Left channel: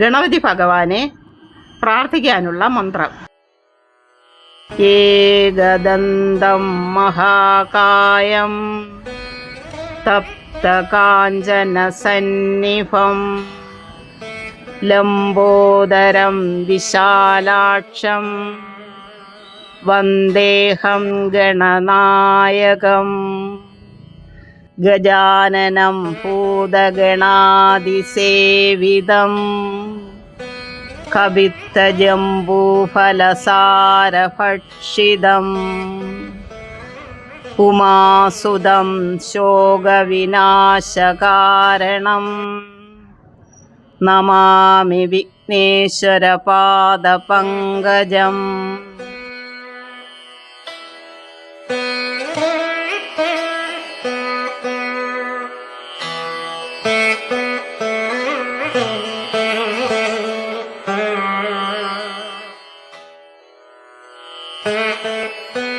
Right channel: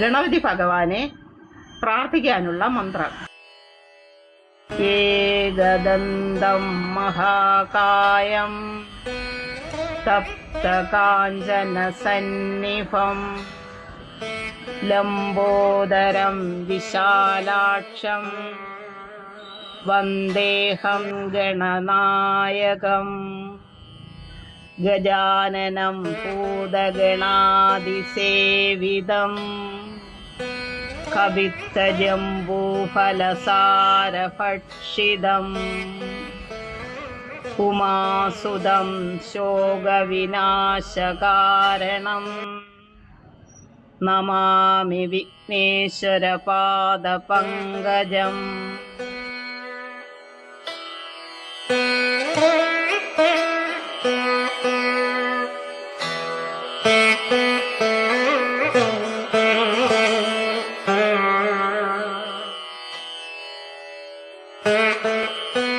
ഗണപതി ഭഗവാനെ പ്രാർത്ഥിക്കാനുള്ള മന്ത്രം. ഏകദന്തം മഹാകായം തപ്തകാഞ്ചനസന്നിഭം ലംബോദരം വിശാലാക്ഷം വന്ദേഹം ഗണനായകം. ഗജാനനം भूतगणादिसेविदम् कवित्तजम्बूफलसारभक्षिदम् उमासुदं ശോകവിനാശകാരണം നമാമി വിഘ്നേശ്വരപാദപങ്കജം Thank.